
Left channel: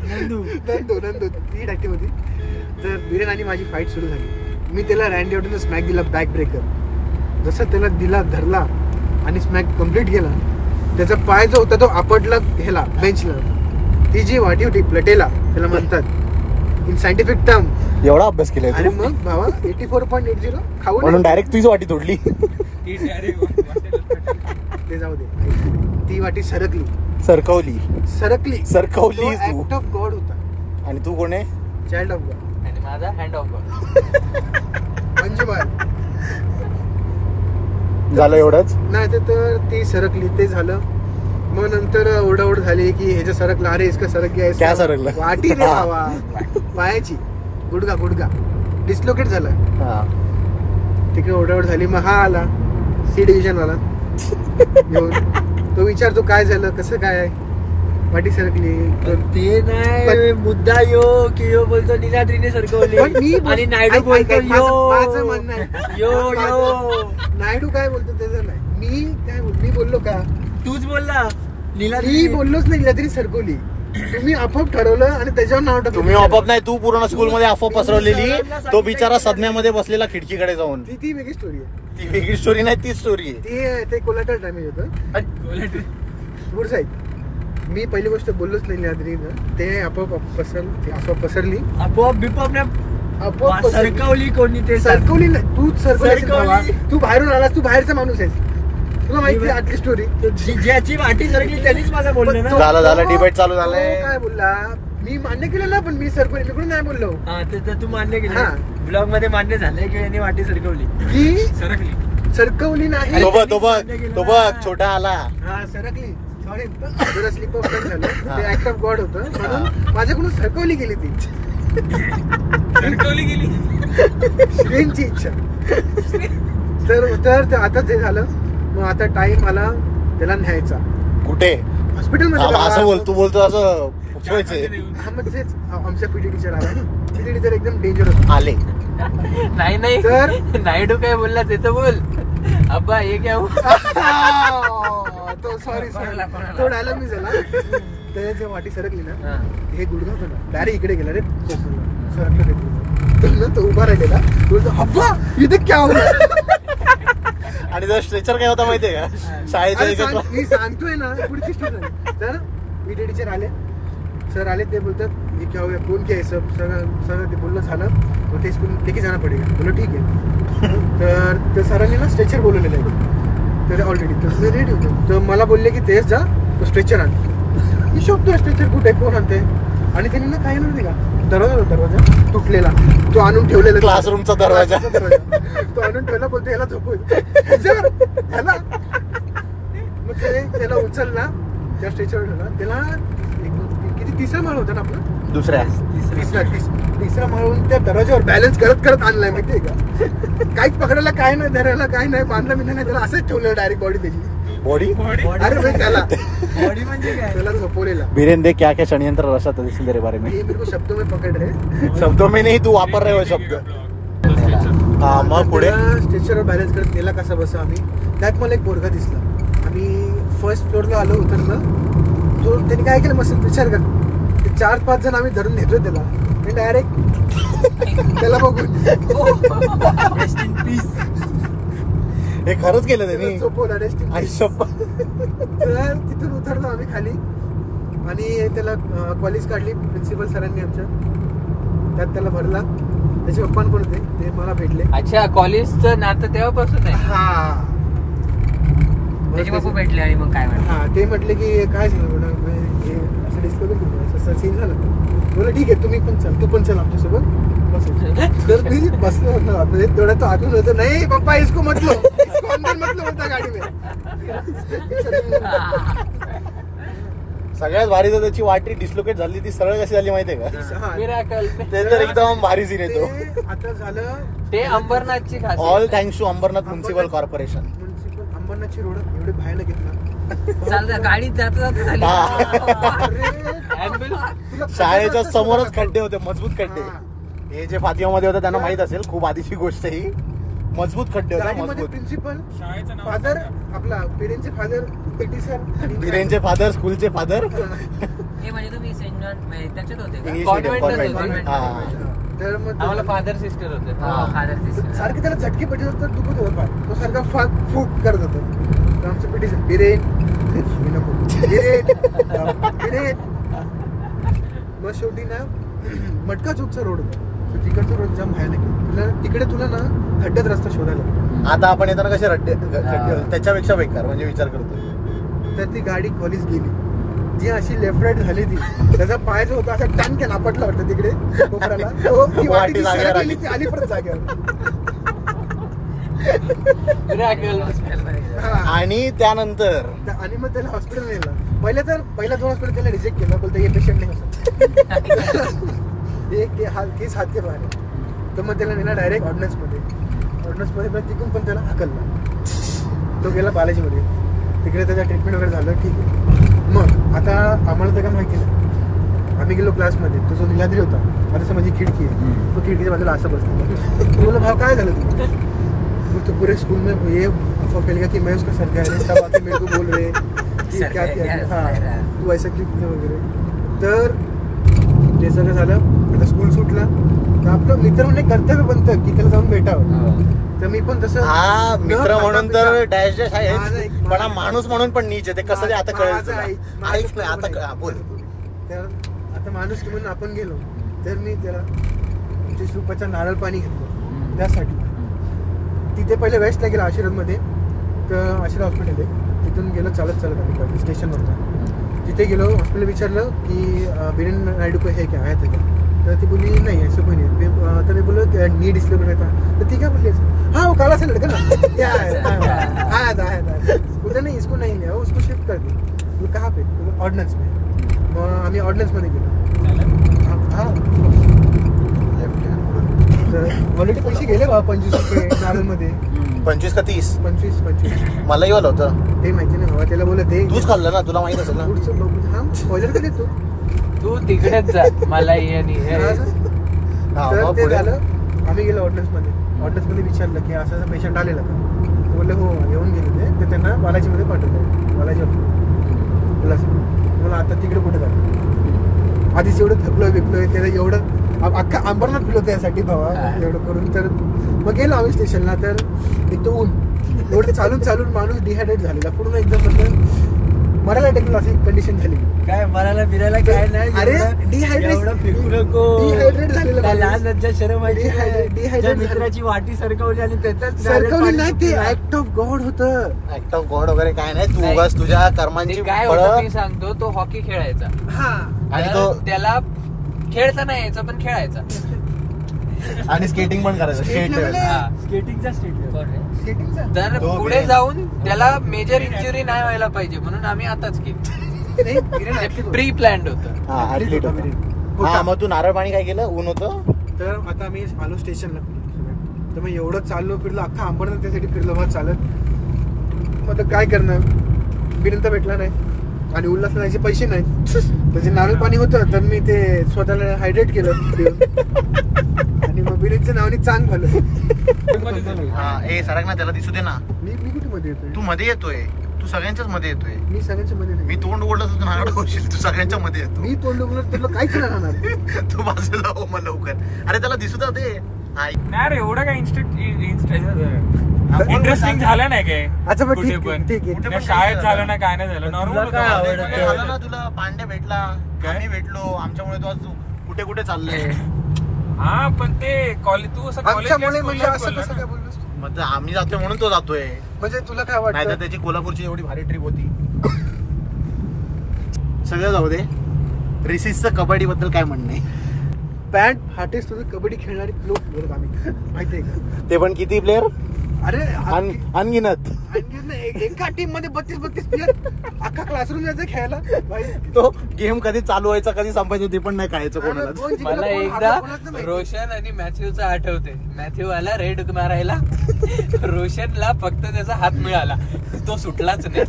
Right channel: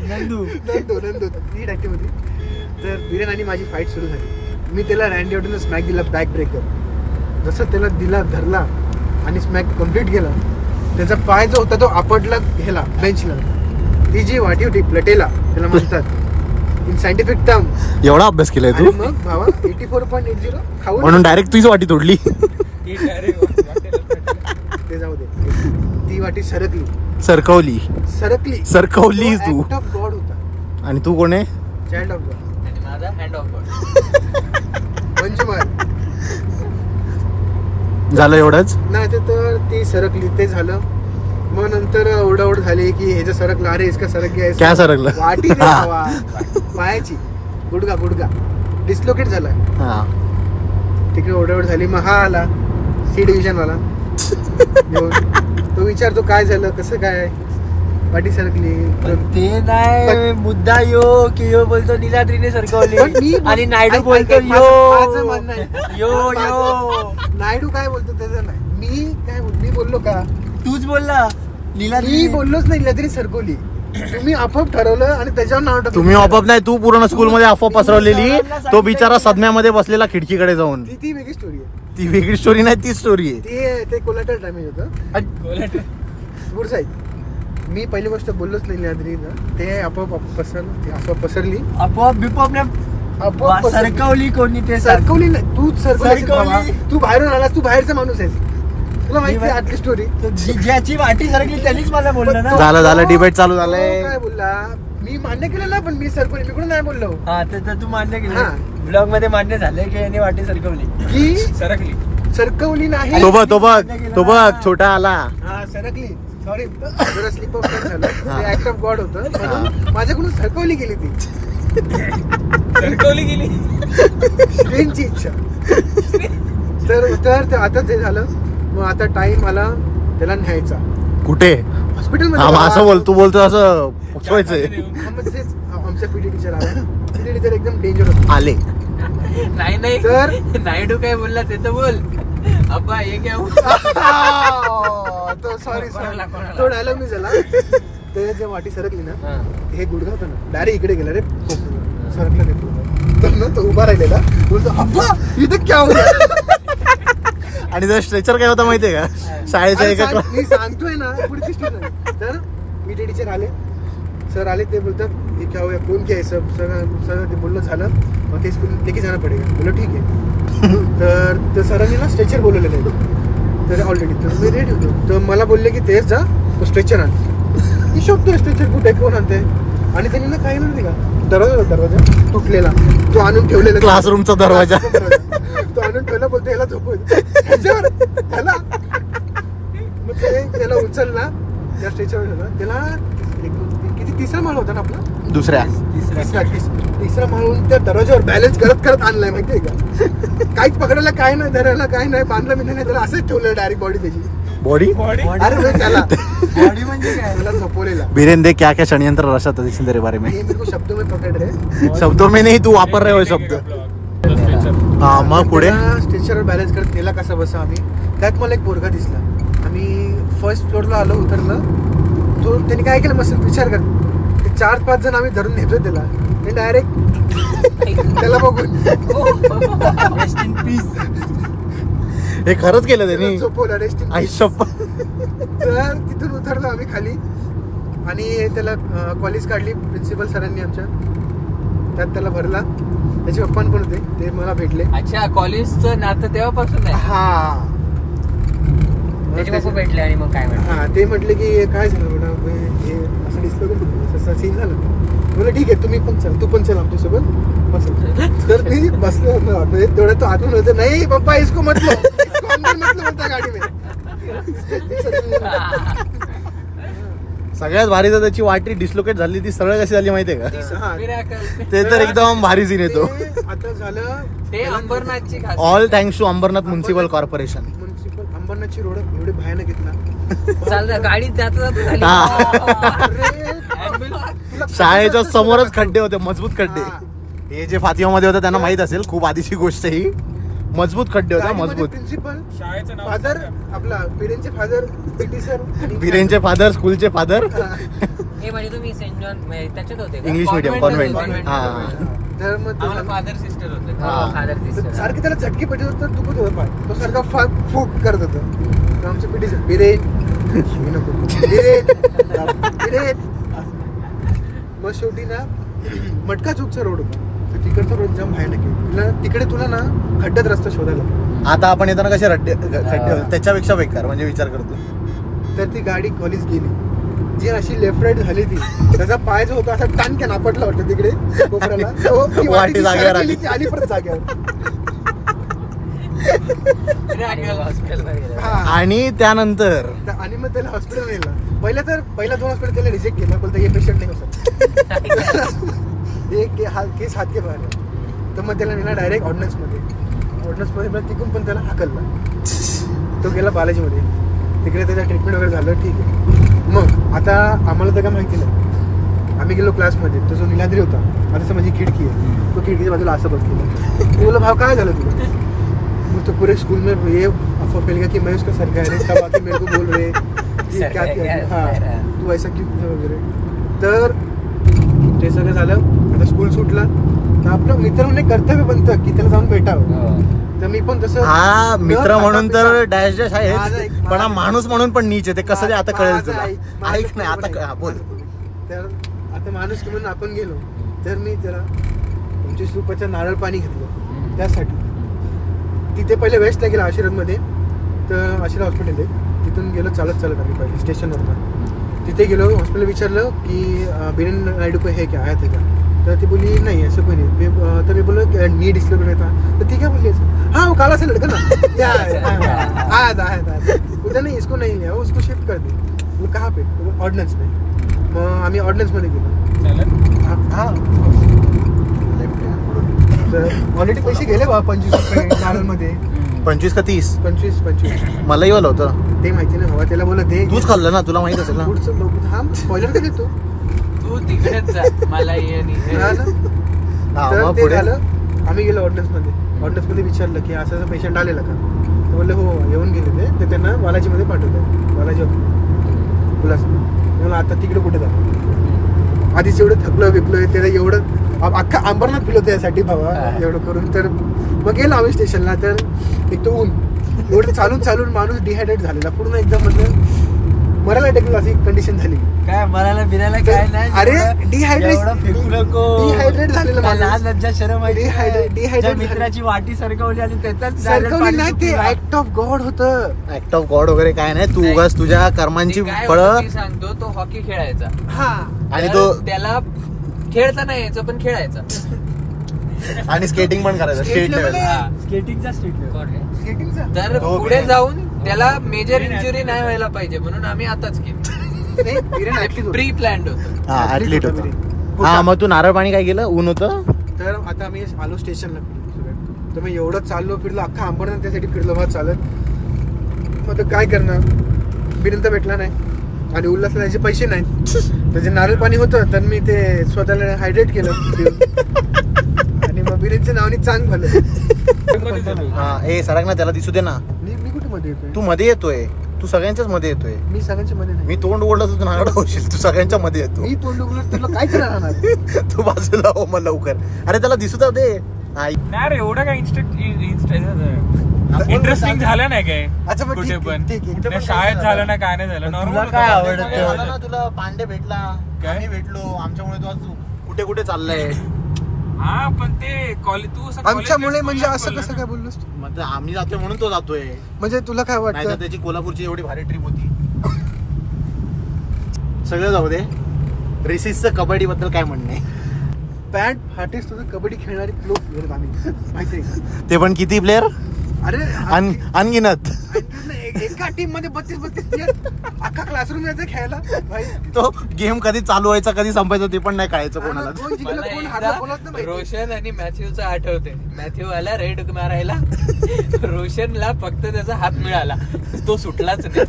नंदू ती टॅग टीम होती. तर बिरेन आणि माझी फाईट सुरू झाली. मी त्याला रँडी ऑर्टन स्मॅक दिला, बॅक ब्रेकर. जसं त्याला दिला, धरला आणि स्मॅक कम्प्लीट केला. त्याचा पाय जो होता तो आपटला ह्याला बेंचला. ती जी वाटी होती प्लेटेला त्याला म्हणतात इन सायंटिफिक टर्म. एवढा अभ्यास केलाय आणि मग भावा 84.80 खाऊन म्हणून डायरेक्ट तुझी वाटी तोडली. ते जाऊ दे. ती वाटी सरकवली ऍक्ट ऑफ गॉड होता. आणि तू कोण आहे? Child of God. Hand of God. झालं एवढंच नाही तर ती सरकली, ते झालं. मग नंतर ओरडाओरड झाली की ह्याचं सरकलं, अरे इसका सरक गया, काय सरकलं? वाटी रे हवा पायाची, गुडगा डिस्लोकेट झाला. तिकडे ओरडाओरड झाली. मग हा आला सी डिव्हिजन वाला घेऊन. तो विचारतो काय झालं, कसं काय, वाटी सरकली. ते नाही मुद्दा की यो बोलतो निलाद्रीने सरकवली पण मी आणि नायडू बोलतो माझं म्हणणं आहे, यो नायडू काय बोलतो त्याचं नाही. मी बोललो का? तूच बोलला मी बोललोच नाही, निलाद्री सरकवली. तुम्ही आपोआप ठरवलं आणि त्याच्यावर नाव टाकलं. तुम्ही आपोआप नाही, तू पूर्ण स्कूल मध्ये अफवा पसरवलेली. तो बिचारा सदम्यामध्ये बसलेला खिडकीकडे जाऊन. ती वेगळी स्टोरी आहे. ती वेगळी स्टोरी नाही, ती स्टोरी आहे. ते कोलॅटरल डॅमेज होतं. पुढचं ऐक, मी पहिली गोष्ट बोललोच नाही निलाद्रीनं. ते आपोआप पसरली. आपोआप बिपोप आपोआप सरकवली. कोणी ते सरकवली नाही, तूच सरकवली. तू बाहेरून आलास, तू बाहेरचा माणूस आहेस, तुला माहिती आहे आतली स्टोरी. ज्याची वाटी सरकली त्यांनीच मला बोललं ना. झालं डिबेट चालू झालंय. काय बोलला, मी मान्य केलं ना, पण मी सरकवली, मी कुठे नाही बोललो. हा ते तर तू मान्य हा. केलं, ब्लॉग मध्ये मान्य झालंय की याने वाटी सरकवली की सरकली. सरकवली नाही. तो बघ छोटा आला. हा सरकली, सॉरी जरा स्लिप ऑफ टंग झालं. ते ऍक्ट ऑफ गॉड होतं, म्हणून माझ्याकडून सरकवली गेली ती. सरकवली गेली. श्रींची इच्छा. तर आता ते झालं. मग आता टाइम आला त्याला न्यायचा. कुठे? हॉस्पिटलमध्ये. असं बोलतो असं पोचवायचंय. हा मग तेच आमच्या पीटी टीचर आला. पीटी टीचर एकदम डेंजर होता. आले नाही तर नायडू काय बोलला ते तर बोल. अब्बा हे काय तो सॉरी तो डायलॉग मी झाला. ते जे वाटी सरकली ना, हे गुडघा होतं ना, डायरेक्ट इकडे गेला रे, सरकलं रे गुडघा. तर ना तो उभा राहिलेला, बोलतो अब्बा इथे क्या होणार. आणि त्या स्ट्रेचर काय होता माहितीये का? शाळेच्या मी सांगतोय ना पुढची स्टोरी. तर पीटी टीचर आले, सर आले. ते बोलतात हे क्या होया, कोण क्या सब सगळं ते बोललं झालं. मग ते स्कूल लेके जाणं पडेल. बोललं ठीक आहे. तर त्या सरांनी ना स्ट्रेचर बोलवलेलं आहे तर ऑलरेडी. तर मी रेडी होतो. तर मला बोलले की तेच जा, तो स्ट्रेचर आण. मी शोधतोय स्ट्रेचर कुठे, कोण आणते. आणि त्यांनी ना काय नाही का, दरवाजा तुटलेला, तो आणून ठेवलेला क्लासरूमचा दरवाजा. तो आणून ठेवला. बोलतो ह्याला झोपवतो ह्याच्यावर ह्याला. मग ते त्याला उचलला, त्या स्ट्रेचरवर ठेवला त्याला. किती तिसरा माळ होता ना आपला, तिसरा माळून त्या दरवाजावर बॅलन्स करत आणलाय माहितीये का. काहीच पकडायला काय नाही, धरायला काय नाही, बांधला मी नाही, त्याला असंच ठेवलं डायरेक्ट बॉडी त्याची. बॉडी अरे भाई त्याला बॉडी म्हणजे काय, त्याला झोपवलेला. वीरेंद्र क्या क्या षड्यंत्र रचा था तेरे बारे में? ये मेरे को शब्दों में पकड़ रहे, शब्दों में नहीं, तू वापर रहे हो शब्द. मग पुढे त्याला स्ट्रेचरवर बॅलन्स करत गेला कसा बसा आम्ही. त्यात मला एक पोरगा दिसला. आम्ही फर्स्ट फ्लोअरला आलो, उतरलं. तो त्याने काय केलं मस्त विचार कर, 4-5 जण आम्ही धरून नेतोय त्याला. डायरेक्ट त्याला बघून रेस्ट इन पीस. हे खरंच केलं त्यांनी. झोपवलं रेस्ट इन पीस. आयुष्यभर. तर तिथून उतरलो आम्ही खाली आणि त्याला कॉलेज काढली प्रिन्सिपल सरांनी आमच्या. त्यात त्याला भरला. त्याचे पप्पा पण होते, ते मला भेटले. अच्छा, कॉलेजचं नातं तेव्हापासून आहे. हा त्याचे बापू भेटले आणि मग काय म्हणतात, हा ते म्हटले की काय झालं मॅडम, हे असं डिस्प्ले करून असं सीन झालं. बोला ठीक आहे, तुम्ही पण चल, तू पण चल आमच्यासोबत बस. तर मी बसलो होतो. तेवढा तो आतून होतो, नाही पप्पा इसको म्हटलो, इसको अंदर म्हटलं म्हणता गाडी में. सगळ्यात भारी तर त्याची वाटी डिस्लोकेट झाली, ती सरळ कशी झाली माहितीये का? ते तर एकदम भारी सीन येतो. आता झालं ते अंबरनाथची खासियत. All thanks to Ambarnath municipal corporation. Municipal अंबरनाथची रोड एवढे भयानक आहेत ना. चालतं गाडीत जाता झाली. अरे, तुला शाळेच्या समोरच खड्डे होते, मजबूत हा. खड्डे. हे जे फातिमामध्ये होतं त्यांना माहित असेल, खूप आधीची गोष्ट ही. मजबूत खड्डे होते, गाडीमध्ये मजबूत. प्रिन्सिपल, शाळेचं नाव फादर, आपला पिढींचे फादर, पीटी सर, वीरेंचे फादर, स्कूलचे फादर. हे म्हणजे तुम्ही सेंट जॉन त्याच्यात होते का? English medium Convent convent. तर मग ते आम्हाला फादर सिस्टर होते. हो, फादर सिस्टर. सारखे त्याला झटके पडले होते, तर दुखत होतं पाय. तो सारखा फूक करत होता. तर आमचं पिटी सर बिरेन नको बिरेन. मग शेवटी ना मटका चूकचा रोड होता. तर तिकडचा रोड जाम भयानक आहे. तुला तिकडे तुला ना खड्ड्यात रस्ता शोधायला. आता आपण येताना कसे रट्टे त्याच्यापेक्षा बेकार, म्हणजे विचार करतो. तर ती गाडी कॉलेज गेली. जी अशी लेफ्ट राईट झाली ती, त्याचा पाय जो होता असा टाणक्यान आपटला वाटतं तिकडे कोपऱ्याला. तो ती वाटी जी सरकलेली ती आली परत जाग्यावर. हॉस्पिटलमध्ये गेलो. हा. आणि त्यानंतर आणि मग त्याला हॉस्पिटल नेला. पहिला 2 हॉस्पिटल त्याला रिजेक्ट केला, बोलतो हे पेशंट नाही कसं केस हात के बाहेर आहे. तर मग त्याला नेला डायरेक्ट ऑर्डिनन्समध्ये मग तिकडून पण त्याला हाकलला. तो गेला बालाजीमध्ये, तिकडे त्याचं ट्रीटमेंट वगैरे झालं, ठीक आहे. मग आता आम्हाला तर काय माहिती नाही. आम्ही गेलो क्लासमध्ये, तो जो निलाद्री होता, आता माझी खिडकी आहे, तो खिडकीच्या बाजूला असं बसलेला. मी बोला भाव काय झालं तुला? मग तो पूरे स्कूल में ये अफवाह फैल गया कि मैं उसका सरकार है, सब आके मेरे को बोल रहे क्या तू ऐसा क्यों वगैरे. तर ते सगळं झालं. आता स्कूल सुटला तर आपलं मित्र म्हणून कर्तव्य बनतं की त्याला जाऊन भेटावं. तर मी पण तसं मित्र म्हणून तर डॅश डॅश आहे, पण माणूस म्हणून पण नीच आहे. ते कसं ते आता कळलं. तर आता माणूस की म्हणून आपण गेलो, तर मी त्याला 25 रुपयाचं नारळ पाणी घेतलं त्यासाठी. तिथे पहिले वेस्टला गेला आशीर्वादमध्ये, तर आशीर्वाद हॉस्पिटल आहे, तिथून गेलो चालत आम्ही पहिले स्टेशनवरनं. तिथे गेलो, हॉस्पिटल विचारलं की बिरेन नायडू को है क्या, आया था क्या? तर ती बोली नाही ऐसा कोई नहीं. तर मी बोललो नी डिस्कवर था. तर ती काय बोलली हाँ वो काला सा लड़का ना आया था. उधर नहीं, इसको नहीं लिया, उसको शिफ्ट कर दी. कहाँ पे? ऑर्डिनन्स में. मग आम्ही ऑर्डिनन्समध्ये गेलो. हां तर ऑलरेडी पैसे गेले बा 25 रुपये नारळमध्ये. 25 का 30? 25. मलाही वाला होतं ते माहिती नाही बाबा, त्याला बोला दे. तूच खाल्लं ना, तुला माहित असेल ना. पुढचं हा स्पॉइलर का देतो तू तिकडेच जा मला तर ते झालं. आम्ही गेलो ऑर्डिनन्समध्ये विचारलं की असं पेशंट आलेला का? तर बोलले हो येऊन गेले ते त्यांना बालाजीमध्ये पाठवलं. बालाजी हॉस्पिटल मला आता तिकडे कुठे झालं. आधीच एवढं थकलो त्याला एवढं अख्खा अंबरनाथ फिरलो त्यासाठी भावा एवढं करून. तर मग गेलो आम्ही स्टेशनला. तर एक तो ऊन एवढं चालून माणूस डिहायड्रेट झालेला पूर्ण एकदम, म्हणजे मरायला टेकला अशी कंडिशन झाली. काय मरायला बिरायला काय नाही. अरे डिहायड्रेट झालेलं लज्जा शरम डिहायड्रेट मित्राची वाटी सरकवली आणि त्याच्यात सरकवली नाही. ते ऍक्ट ऑफ गॉड होतं. ऍक्ट ऑफ गॉड वगैरे काय नाही. तू उगाच तुझ्या कर्मांची काय फळं. होतं मी सांगतो. तो हॉकी खेळायचा आणि तो त्याला खेळता नाही यायचं पण खेळायचा आणि स्केटिंग पण करायचं. स्केटिंगचा तर पुढे जाऊन त्याला मेजर इंजुरी नाही व्हायला पाहिजे म्हणून आम्ही आताच केलं. प्री प्लॅन्ड होतं. मग तू नारळ पाणी काय केलं? ऊन होतं. तर आता आम्ही आलो स्टेशनला. तर मग एवढं चाललो फिरलो अख्खा अंबरनाथ त्यासाठी फिरलो मग चालत. मग आता काय करणार, बिरेन तर भेटला नाही आणि उल्हासला त्याचे पैसे नाहीत. त्याचे नारळ पाणी होतं तर मी ते स्वतःला हायड्रेट केलं आणि मग बिरेनच्या नावाने चांग झालं. सरक ना, त्याला दिसू दे ना. मी कुठे मध्ये येतोय? तू मध्ये येतोय, तू सगळ्यांच्याच मध्ये येतोय. मी सगळ्यांच्या मध्ये नाही. मी तोंड ओढलं तू नारळ होशील, तू सगळ्यांच्या मध्ये येतो. मी तोंड उघडलं तुला काहीच नाही राहणार. तू बाजूला हो मग लवकर. अरे त्याला दिसू दे. नाही रे एवढं काय इंटरेस्टिंग झालं नाही काय. अच्छा मग कुठे पण ठीक आहे. शाळेत झालं ना, काय नाही झालं, नॉर्मल ना. तुला पांडे भेटला, काय भेटलो आमच्यामुळे. तू आज कुठे कुठे चाललंय. हा पण ते कॉलेज तू आमच्यामुळे म्हणजे असं कसं काय बोललोस? मग आम्ही जातोय म्हणून तो जातोय. म्हणजे तुला काय वाटतं? नाही तर त्याची कोल्हापूरची एवढी भारी ट्रिप होती. सगळं जाऊ दे. रिसिसचं कबड्डी बद्दल काय म्हणणं आहे? पॅन्ट फाटेस तुझं कबड्डी खेळणारी प्लेअर आम्ही माहिती आहे का? ते पण किती प्लेअर? अरे अनगिनत. एका टीम मध्ये 32 प्लेअर अख्खा क्लासरूम यायचं खेळायला. भाई तो गेम कधी चालू व्हायचा कधी संपायचं ते पण नाही कळायचं कोणाला. रोशन आणि मॅथ्यूचं आठवते. मॅथ्यू आला रेड मारायला, रोशनला फक्त त्याचा हात मिळाला, तो सुटलाच नाही.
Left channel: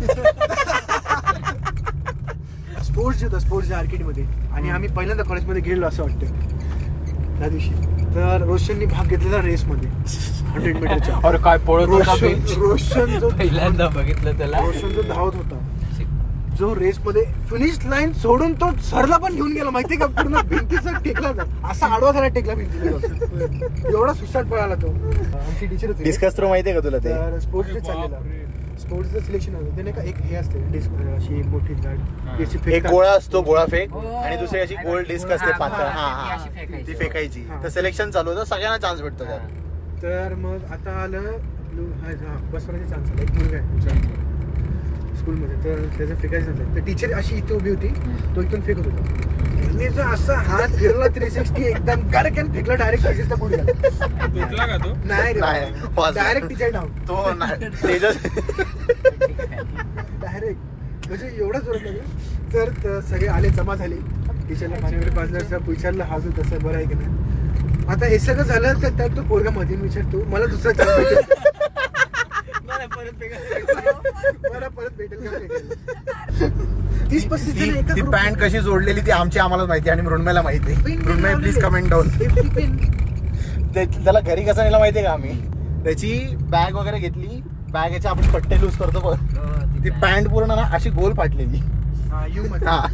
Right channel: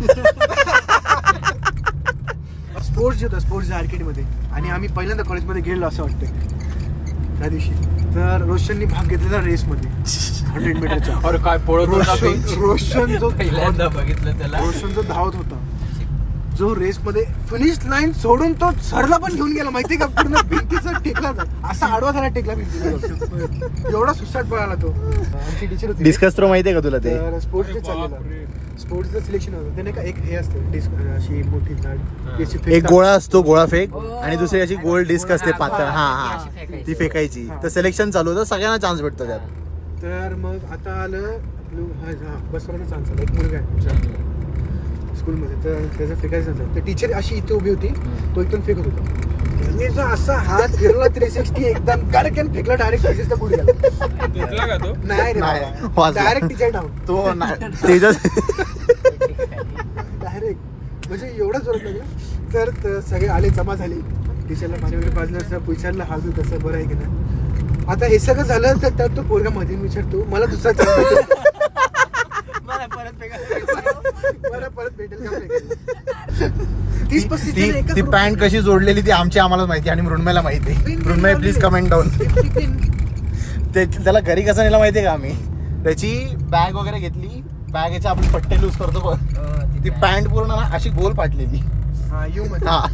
स्पोर्ट्स होता, स्पोर्ट्स आर्केडमध्ये. आणि आम्ही पहिल्यांदा कॉलेजमध्ये गेलो असं वाटतं त्या दिवशी. तर रोशननी भाग घेतलेला रेसमध्ये 100 मीटरच्या. रोशन जो पहिल्यांदा बघितलं त्याला, रोशन जो धावत होता, जो रेस मध्ये फिनिश लाईन सोडून तो सरला पण घेऊन गेला माहितीये का. पूर्ण भिंतीचा टेकला असा आडवा झाला टेकला भिंतीला. एवढा सुसाट पळाला तो. आमची टीचर होती डिस्कस थ्रो माहितीये का तुला? ते स्पोर्ट्सचे चाललेला, स्पोर्ट्सचं सिलेक्शन होतं. त्याने का एक हे असते अशी मोठी झाड, एक गोळा असतो, गोळा फेक, आणि दुसरी अशी गोल डिस्क असते ती फेकायची. तर सिलेक्शन चालू होतं, सगळ्यांना चान्स भेटतो. तर मग आता आलं आपलं बसवण्याचा चान्स आला. एक मुलगा आहे आमच्या स्कूलमध्ये, तर त्याचं फेकायचं चान्स. तर टीचर अशी इथे उभी होती, तो इथून फेकत होता. मी जो असा हात फिरला 360 एकदम गडकन फेकला डायरेक्ट तेजसला पुढे गेला. तुटला का तो? नाही रे डायरेक्ट टीचर डाऊन तो तेजस डायरेक्ट म्हणजे एवढा जोरात लागला. तर सगळे आले जमा झाले. टीचरला पाणी वगैरे पाजलं असं विचारलं हा तसं बरं आहे की नाही. आता हे सगळं झालं तर त्यात तो पोरगा मध्ये विचारतो मला दुसरा चान्स भेटेल मला परत भेटेल का फेकायला. 30-35 ती पॅन्ट कशी जोडलेली ती आम्हाला माहिती आणि मृण्मयला माहिती. मृण्मय प्लीज कमेंट डाऊन. त्याला घरी कसं नेलं माहितीये का आम्ही. त्याची बॅग वगैरे घेतली. बॅगचे आपण पट्टे लूज करतो ती पॅन्ट पूर्ण ना अशी गोल फाटलेली. हा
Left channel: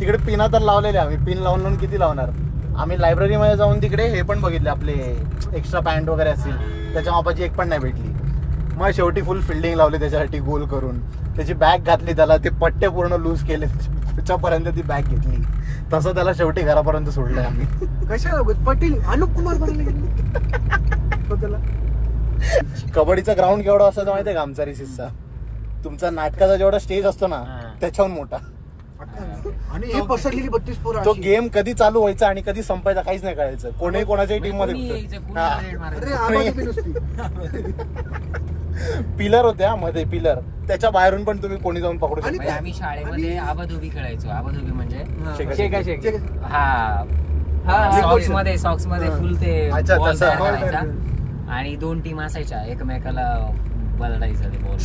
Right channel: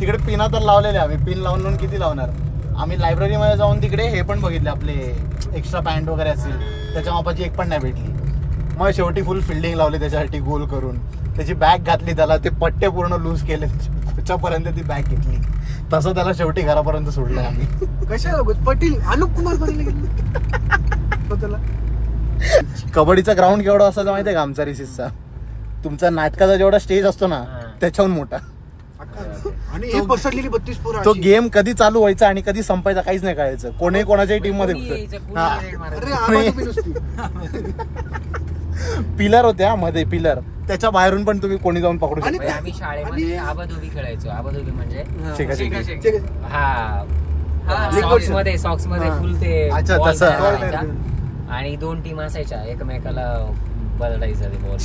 तिकडे पिना तर लावलेले आम्ही. पिन लावून किती लावणार. आम्ही लायब्ररीमध्ये जाऊन तिकडे हे पण बघितले आपले एक्स्ट्रा पॅन्ट वगैरे असतील त्याच्या मापाची एक पण नाही भेटली. मग शेवटी फुल फिल्डिंग लावली त्याच्यासाठी गोल करून. त्याची बॅग घातली त्याला ते पट्टे पूर्ण लूज केले त्याच्यापर्यंत ती बॅग घेतली. तसं त्याला शेवटी घरापर्यंत सोडलंय आम्ही. कशाला पटेल अनुप कुमार बनायला गेले स्वतःला. कबड्डीचा ग्राउंड केवढा असायचा माहितीये का आमचा रिसिसचा. तुमचा नाटकाचा जेवढा स्टेज असतो ना त्याच्याहून मोठा. आणि हे पसरलेली 32 पोरं. तो गेम कधी चालू व्हायचा आणि कधी संपायचा काहीच नाही कळायचं. कोणी कोणाच्याही टीम मध्ये पिलर होत्या मध्ये पिलर त्याच्या बाहेरून पण तुम्ही कोणी जाऊन पकडू शकता. आम्ही शाळेमध्ये आबाधोबी खेळायचो. आबाधोबी म्हणजे सॉक्स मध्ये फुल ते बॉल तयार करायचा आणि 2 टीम असायच्या एकमेकाला बदलायचं ते बॉल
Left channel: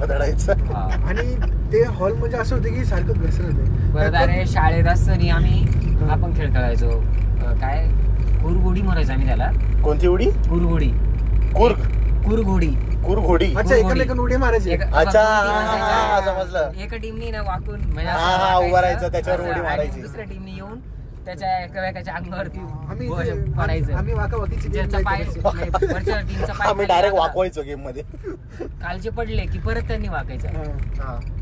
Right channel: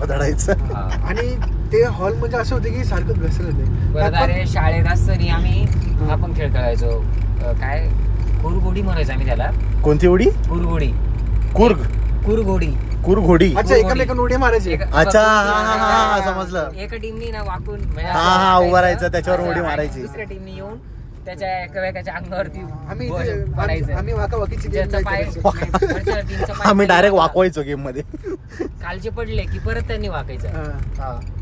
बदलायचं. आणि ते हॉल म्हणजे असं होतं की सारखं घसरत आहे. परत अरे शाळेत असताना आम्ही आपण खेळ खेळायचो. काय कुरघोडी म्हणायचो आम्ही त्याला. कोणती उडी? कुरघोडी. कुरघोडी. कुरघोडी. अच्छा एकमेकांना उडी मारायची. समजलं. एका टीमनी ना वाकून म्हणजे उभं राहायचं त्याच्यावर उडी मारायची. दुसऱ्या टीमनी येऊन त्याच्या एकमेकाच्या अंगावरती आम्ही वाकावाकीची आम्ही डायरेक्ट वाकवायचो गेम मध्ये. कालचे पडले की परत त्यांनी वाकायचं.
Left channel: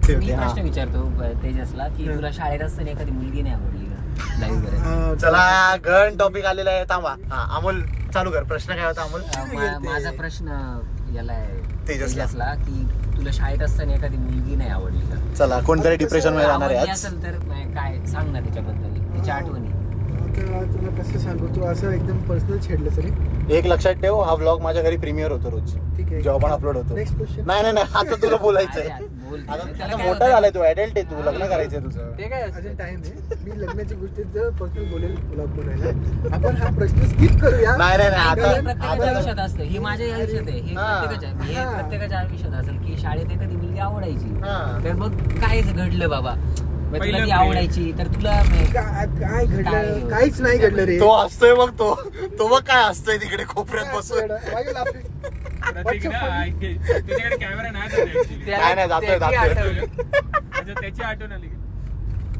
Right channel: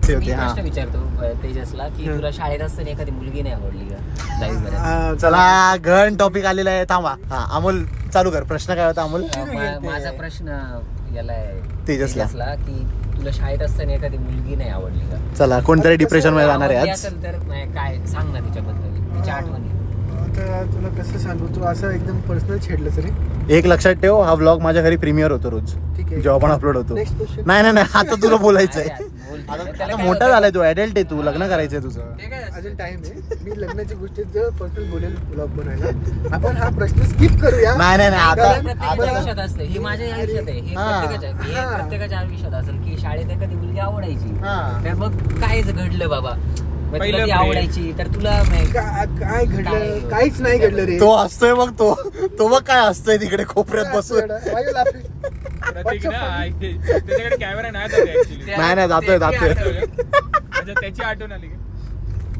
मी प्रश्न विचारतो तेजसला की तुला शाळेत असताना एखादी मुलगी नाही आवडली का 10वी? चला घन टॉपिक आलेला आहे. थांबा. अमोल चालू कर. प्रश्न काय होता अमोल? माझा प्रश्न याला तेजसला की तुला शाळेत असताना एखादी मुलगी नाही आवडली का? चला कोणतरी डिप्रेशन मध्ये आवडली असेल तर काय सांग ना तिच्याबद्दल तिच्या आठवणी. आता तुला कसं सांगू तू असं एकदम पर्सनल छेडलं सर. एक लक्षात ठेव हा व्लॉग माझ्या घरी प्रीमियर होतो रोज. ठीक आहे जेव्हा पण अपलोड होतो. Next question. नाही आता तुला बोलायचंय. त्याला काय मोठा झालाय तू ऍडल्ट आहे. तू लग्न करायचंय तुझं. अजून टाइम आहे. मी लग्नाची गोष्टी पर्सनल बोलेल ब्लॉग बनायला. आपण हा प्रश्न स्किप करूया. प्रत्येकाच्या आयुष्यात असतं. हे माझ्या आयुष्यात आहे. हे प्रत्येकाच्या आयुष्यात असेल की शाळेत एखादी मुलगी आवडायची तर मग काय घडलं बाबा. तुला ती आवडायची तर तुला काय घडलं? काहीच नाही घडलं रे. तो असतोय मग तो मग काय असतोय तिकडे कोपऱ्यात बसून. त्याच्याकडे कॅमेरा नाही जातोय त्याची आठवण आली.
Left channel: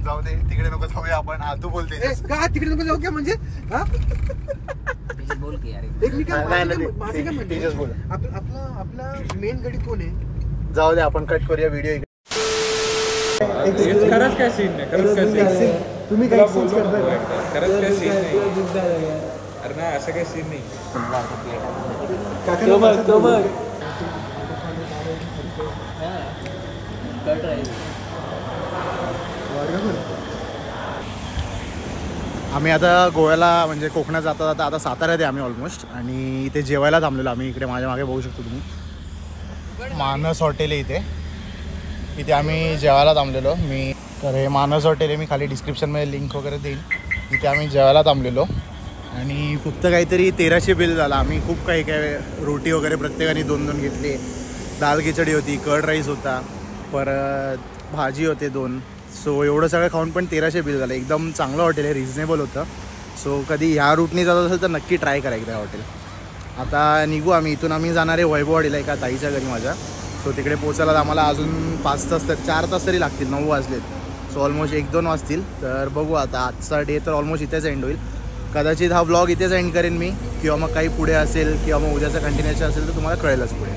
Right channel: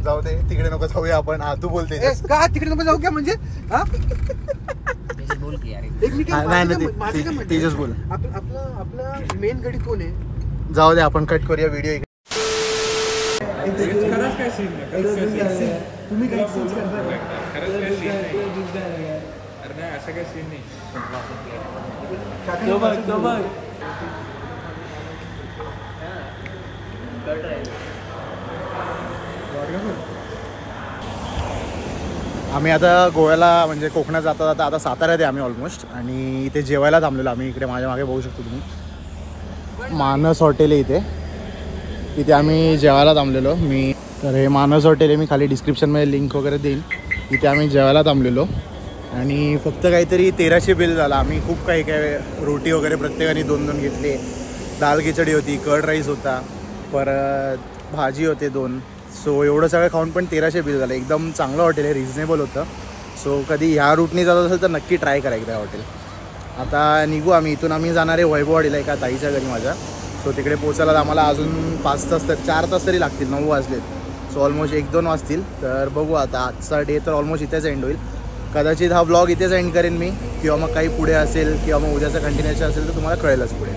जाऊ दे तिकडे नको जाऊया आपण. तू बोलते का तिकडे नको जाऊ का म्हणजे बोल की यार. एक मिनिट माझं काय म्हणते आपला मेन गडी कोण आहे? जाऊ दे आपण कट करूया व्हिडिओ. खरंच काय सीन नाही. तुम्ही काय सीन करता? अरे नाही असं काही सीन नाही. तो बघ आम्ही आता गोव्याला म्हणजे कोकणात जाता आता साताऱ्यात आहे आम्ही ऑलमोस्ट. आणि इथे जेवायला थांबलेलो आम्ही. इकडे माझ्या मागे बघू शकतो तुम्ही मानस हॉटेल आहे इथे आम्ही जेवायला थांबलेलो. तर हे मानस हॉटेल आहे. मी खाली डिस्क्रिप्शनमध्ये लिंक वगैरे देईन. इथे आम्ही जेवायला थांबलेलो आणि फक्त काहीतरी 1300 बिल झाला. आम्ही खूप काही रोटी वगैरे प्रत्येकाने 2-2 घेतले. दाल खिचडी होती, कर्ड राईस होता, परत भाजी होते 2. सो एवढं सगळं खाऊन पण 1300 बिल झालं. एकदम चांगलं हॉटेल आहे. रिजनेबल होतं. सो कधी ह्या रूटनी जात असेल तर नक्की ट्राय करा एकदा हॉटेल. आता निघू आम्ही इथून. आम्ही जाणार आहे वैभववाडीला एका ताईच्या घरी माझ्या. सो तिकडे पोचायला आम्हाला अजून 5 तास 4 तास तरी लागतील. 9 वाजलेत. सो ऑलमोस्ट 1-2 वाजतील. तर बघू आता. आजचा डे तर ऑलमोस्ट इथेच एंड होईल. कदाचित हा व्लॉग इथेच एंड करेन मी किंवा मग काही पुढे असेल किंवा मग उद्याचा कंटिन्यूशन असेल तर तुम्हाला कळेलच पुढे.